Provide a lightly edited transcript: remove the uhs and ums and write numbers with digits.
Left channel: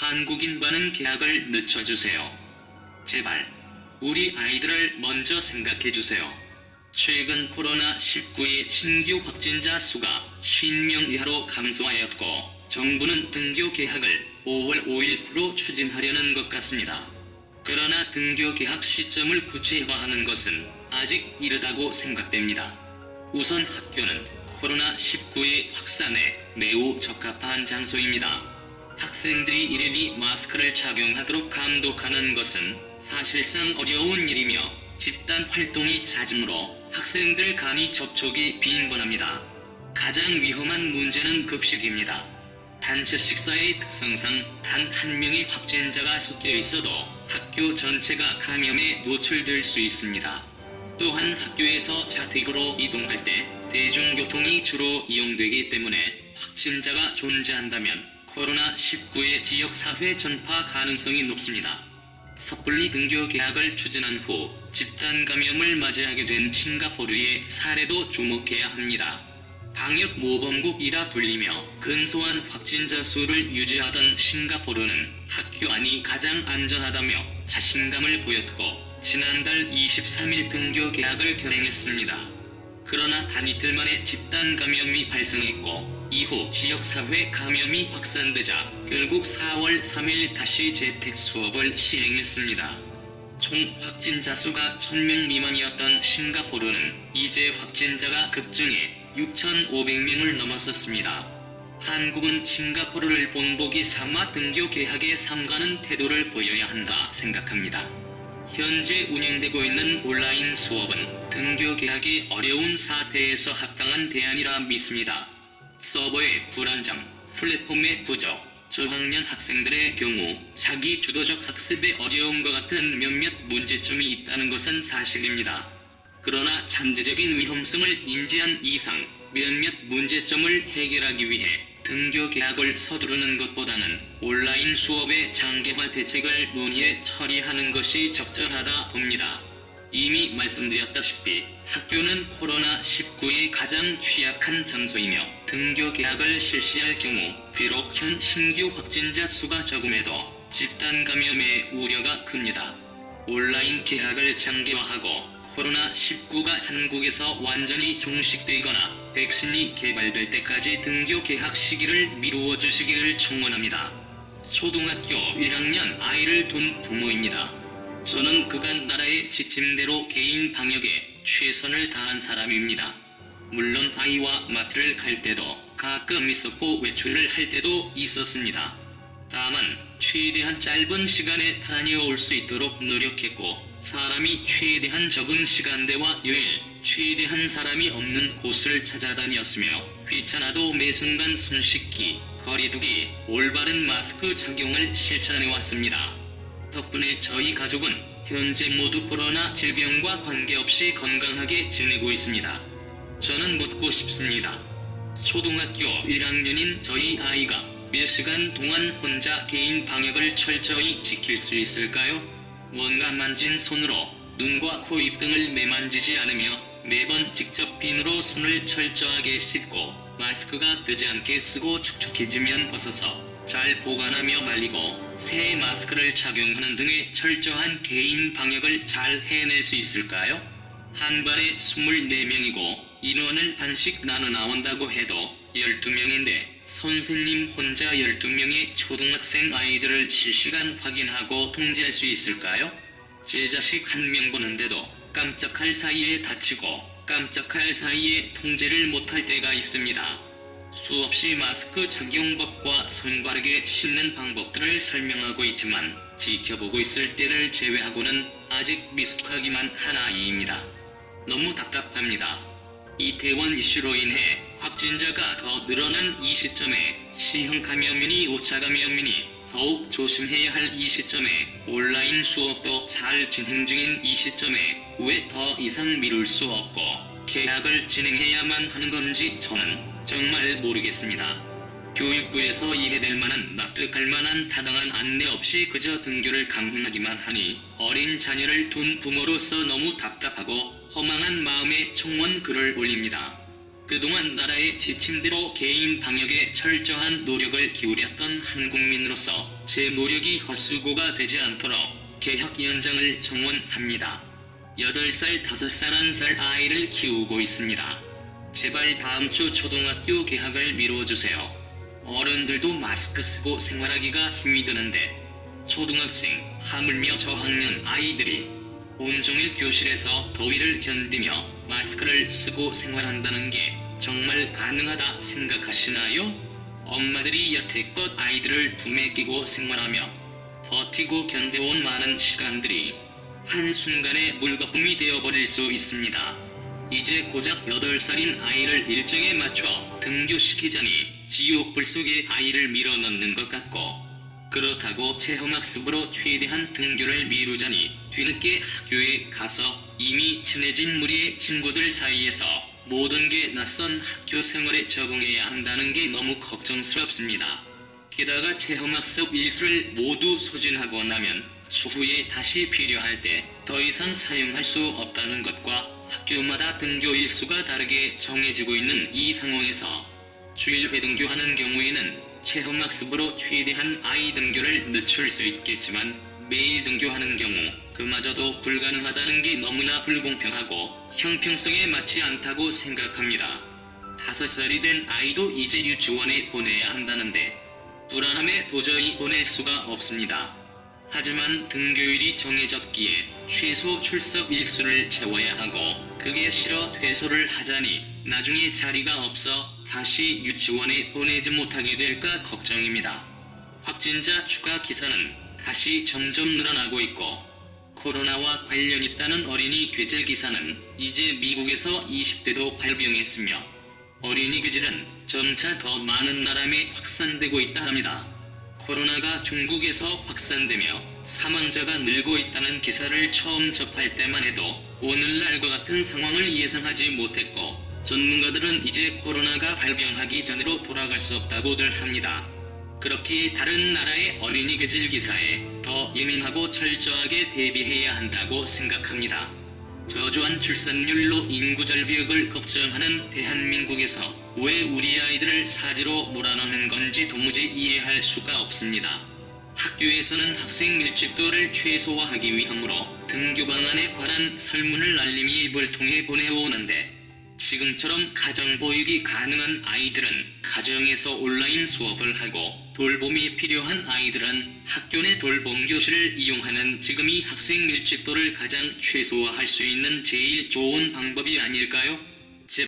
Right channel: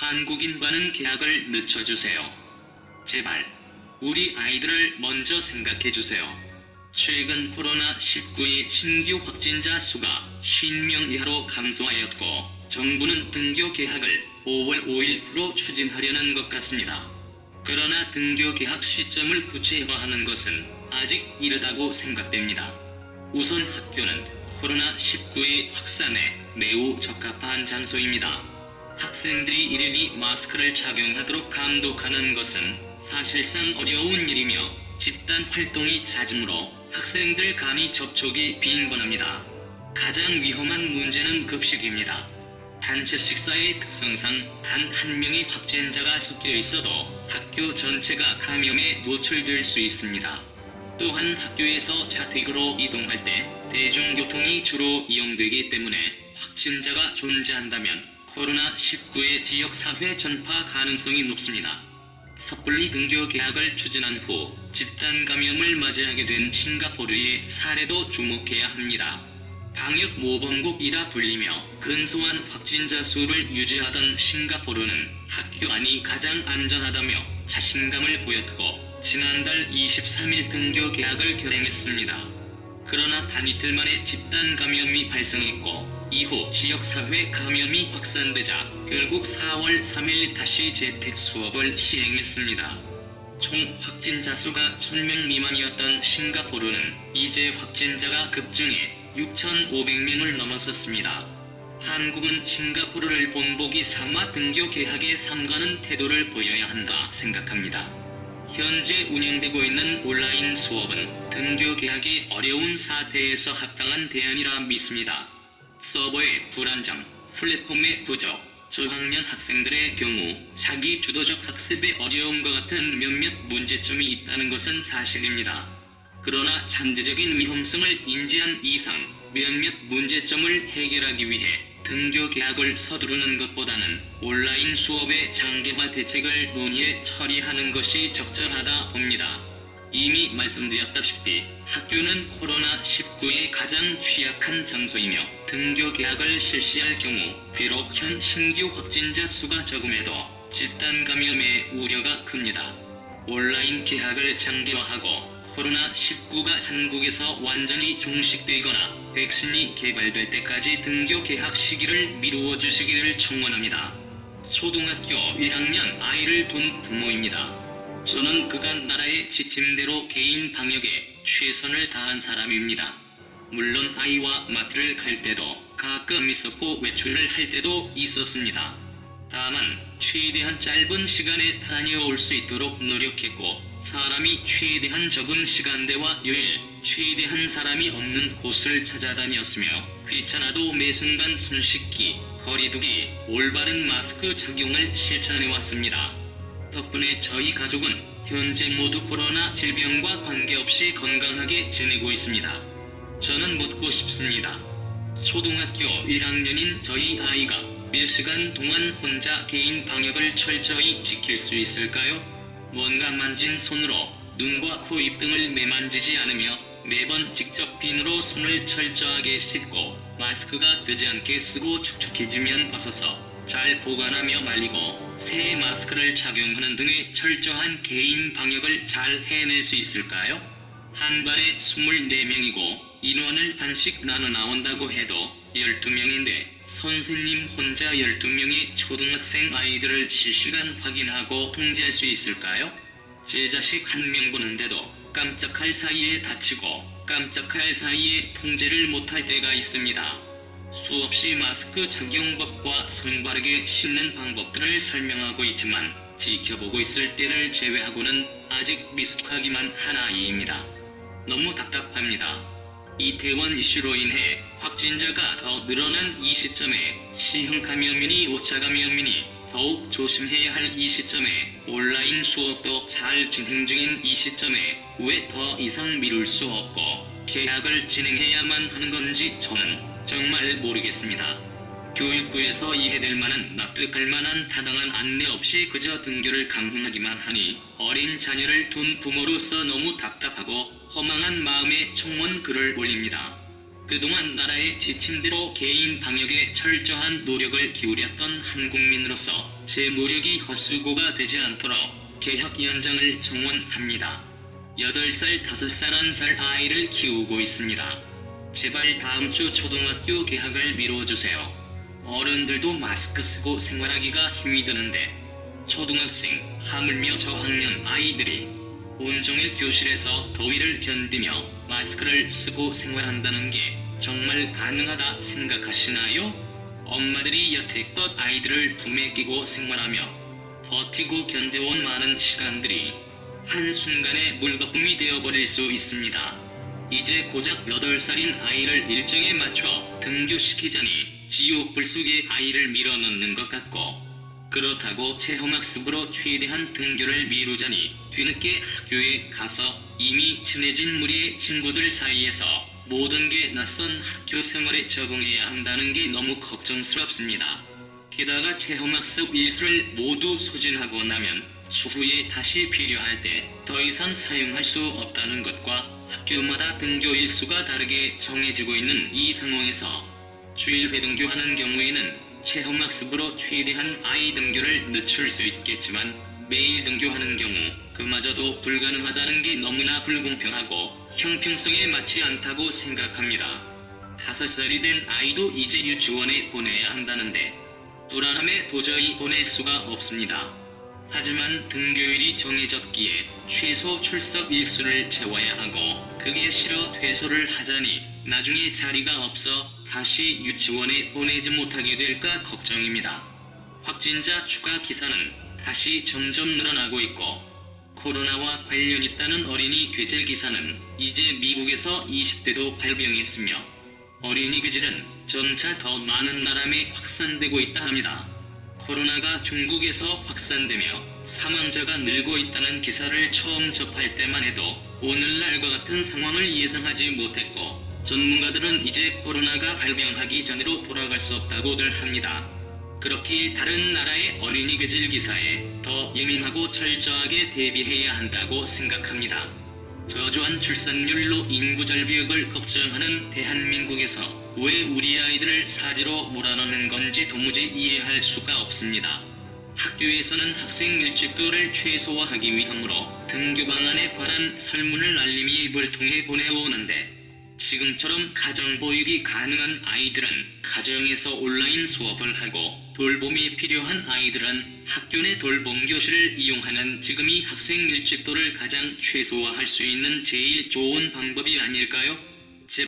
한국인과는 계약을 늦춰주세요. 제발 우리 아이들을 먼저 생각해주세요. 최근 코로나19의 신규 확진자 수가 50명 이하로 감소하였고 정부는 등교 개학을 5월 5일로 추진하려는 것 같습니다. 그러나 등교 개학 시점을 구체화하는 것은 아직 이르다고 생각됩니다. 우선 학교는 코로나19의 확산에 매우 적합한 장소입니다. 학생들이 일일이 마스크를 착용하도록 감독하는 것은 사실상 어려운 일이며 집단 활동이 잦으므로 학생들 간의 접촉이 빈번합니다. 가장 위험한 문제는 급식입니다. 단체 식사의 특성상 단 한 명의 확진자가 섞여 있어도 학교 전체가 감염에 노출될 수 있습니다. 또한 학교에서 자택으로 이동할 때 대중교통이 주로 이용되기 때문에 확진자가 존재한다면 코로나19의 지역사회 전파 가능성이 높습니다. 섣불리 등교 개학을 추진한 후 집단 감염을 맞이하게 된 싱가포르의 사례도 주목해야 합니다. 방역 모범국이라 불리며 근소한 확진자 수를 유지하던 싱가포르는 학교 안이 가장 안전하다며 자신감을 보였고 지난달 23일 등교 개학을 결행했습니다. 그러나 단 이틀 만에 집단 감염이 발생했고 이후 지역사회 감염이 확산되자 결국 4월 3일 다시 재택 수업을 시행했습니다. 총 확진자 수가 1000명 미만이었던 싱가포르는 이제 확진자가 급증해 6,500명을 넘어섰습니다. 한국은 싱가포르를 본보기 삼아 등교 개학에 삼가는 태도를 보여야 한다 생각합니다. 현재 운영되고 있는 온라인 수업은 등교 개학이 어려운 사태에서 합당한 대안이라 믿습니다. 서버의 불안정, 플랫폼의 부족, 저학년 학생들의 경우 자기 주도적 학습에 어려움과 같은 몇몇 문제점이 있다는 것은 사실입니다. 그러나 잠재적인 위험성을 인지한 이상 몇몇 문제점을 해결하기 위해 등교 개학을 서두르는 것보다는 온라인 수업의 장기화 대책을 논의해 처리하는 것이 적절하다 봅니다. 이미 말씀드렸다시피 학교는 코로나19에 가장 취약한 장소이며 등교 개학을 실시할 경우 비록 현 신규 확진자 수가 적음해도 집단 감염의 우려가 큽니다. 온라인 개학을 장기화하고 코로나19가 한국에서 완전히 종식되거나 백신이 개발될 때까지 등교 개학 시기를 미루어 주시기를 청원합니다. 초등학교 1학년 아이를 둔 부모입니다. 저는 그간 나라의 지침대로 개인 방역에 최선을 다한 사람입니다. 물론 아이와 마트를 갈 때도 가끔 있었고 외출을 할 때도 있었습니다. 다만 최대한 짧은 시간에 다녀올 수 있도록 노력했고 사람이 최대한 적은 시간대와 요일, 최대한 사람이 없는 곳을 찾아다녔으며 귀찮아도 매 순간 손 씻기, 거리두기, 올바른 마스크 착용을 실천해왔습니다. 덕분에 저희 가족은 현재 모두 코로나 질병과 관계없이 건강하게 지내고 있습니다. 저는 묻고 싶습니다. 초등학교 1학년인 저희 아이가 몇 시간 동안 혼자 개인 방역을 철저히 지킬 수 있을까요? 뭔가 만진 손으로 눈과 코, 입 등을 매만지지 않으며 매번 직접 비누로 손을 철저하게 씻고 마스크가 뜨지 않게 쓰고 축축해지면 벗어서 잘 보관하며 말리고 새 마스크를 착용하는 등의 철저한 개인 방역을 잘 해낼 수 있을까요? 한 반에 24명이고 인원을 반씩 나눠 나온다고 해도 12명인데 선생님 혼자 12명의 초등학생 아이들을 실시간 확인하고 통제할 수 있을까요? 제 자식 1명 보는데도 깜짝할 사이에 다치고 깜짝할 사이에 통제를 못할 때가 있습니다. 수없이 마스크 착용법과 손바르게 씻는 방법들을 설명하고 있지만 지켜보고 있을 때를 제외하고는 아직 미숙하기만 한 아이입니다. 너무 답답합니다. 이태원 이슈로 인해 확진자가 더 늘어난 이 시점에 C형 감염이니 5차 감염이니 더욱 조심해야 할 이 시점에 온라인 수업도 잘 진행 중인 이 시점에 왜 더 이상 미룰 수 없고 개학을 진행해야만 하는 건지 저는 정말 모르겠습니다. 교육부에서 이해될 만한 납득할 만한 타당한 안내 없이 그저 등교를 강행하기만 하니 어린 자녀를 둔 부모로서 너무 답답하고 허망한 마음에 청원 글을 올립니다. 그동안 나라의 지침대로 개인 방역에 철저한 노력을 기울였던 한국민으로서 제 노력이 헛수고가 되지 않도록 개학 연장을 청원합니다. 8살, 5살, 1살 아이를 키우고 있습니다. 제발 다음 주 초등학교 개학을 미뤄주세요. 어른들도 마스크 쓰고 생활하기가 힘이 드는데 초등학생, 하물며 저학년 아이들이 온종일 교실에서 더위를 견디며 마스크를 쓰고 생활한다는 게 정말 가능하다 생각하시나요? 엄마들이 여태껏 아이들을 품에 끼고 생활하며 버티고 견뎌온 많은 시간들이 한순간에 물거품이 되어버릴 수 있습니다. 이제 고작 8살인 아이를 일정에 맞춰 등교시키자니 지옥불 속에 아이를 밀어넣는 것 같고, 그렇다고 체험학습으로 최대한 등교를 미루자니 뒤늦게 학교에 가서 이미 친해진 무리의 친구들 사이에서 모든 게 낯선 학교 생활에 적응해야 한다는 게 너무 걱정스럽습니다. 게다가 체험학습 일수를 모두 소진하고 나면 추후에 다시 필요할 때 더 이상 사용할 수 없다는 것과 학교마다 등교 일수가 다르게 정해지고 있는 이 상황에서 주일 회등교하는 경우에는 체험학습으로 최대한 아이 등교를 늦출 수 있겠지만 매일 등교하는 경우 그마저도 불가능하다는 게 너무나 불공평하고 형평성에 맞지 않다고 생각합니다. 5살이 된 아이도 이제 유치원에 보내야 한다는데 불안함에 도저히 보낼 수가 없습니다. 하지만 등교일이 정해졌기에 최소 출석 일수를 채워야 하고, 그게 싫어 퇴소를 하자니 나중에 자리가 없어 다시 유치원에 보내지 못하게 될까 걱정입니다. 확진자 추가 기사는 다시 점점 늘어나고 있고, 코로나와 관련 있다는 어린이 괴질 기사는 이제 미국에서 20대도 발병했으며 어린이 괴질은 점차 더 많은 나라에 확산되고 있다 합니다. 코로나가 중국에서 확산되며 사망자가 늘고 있다는 기사를 처음 접할 때만 해도 오늘날과 같은 상황을 예상하지 못했고, 전문가들은 이제 코로나가 발병하기 전으로 돌아갈 수 없다고들 합니다. 그렇기에 다른 나라의 어린이 괴질 기사에 더 예민하고 철저하게 대비해야 한다고 생각합니다. 저조한 출산율로 인구 절벽을 걱정하는 대한민국에서 왜 우리 아이들을 사지로 몰아넣는 건지 도무지 이해할 수가 없습니다. 학교에서는 학생 밀집도를 최소화하기 위함으로 등교 방안에 관한 설문을 알림이 앱을 통해 보내오는데, 지금처럼 가정보육이 가능한 아이들은 가정에서 온라인 수업을 하고 돌봄이 필요한 아이들은 학교 내 돌봄 교실을 이용하는 지금이 학생 밀집도를 가장 최소화할 수 있는 제일 좋은 방법이 아닐까요?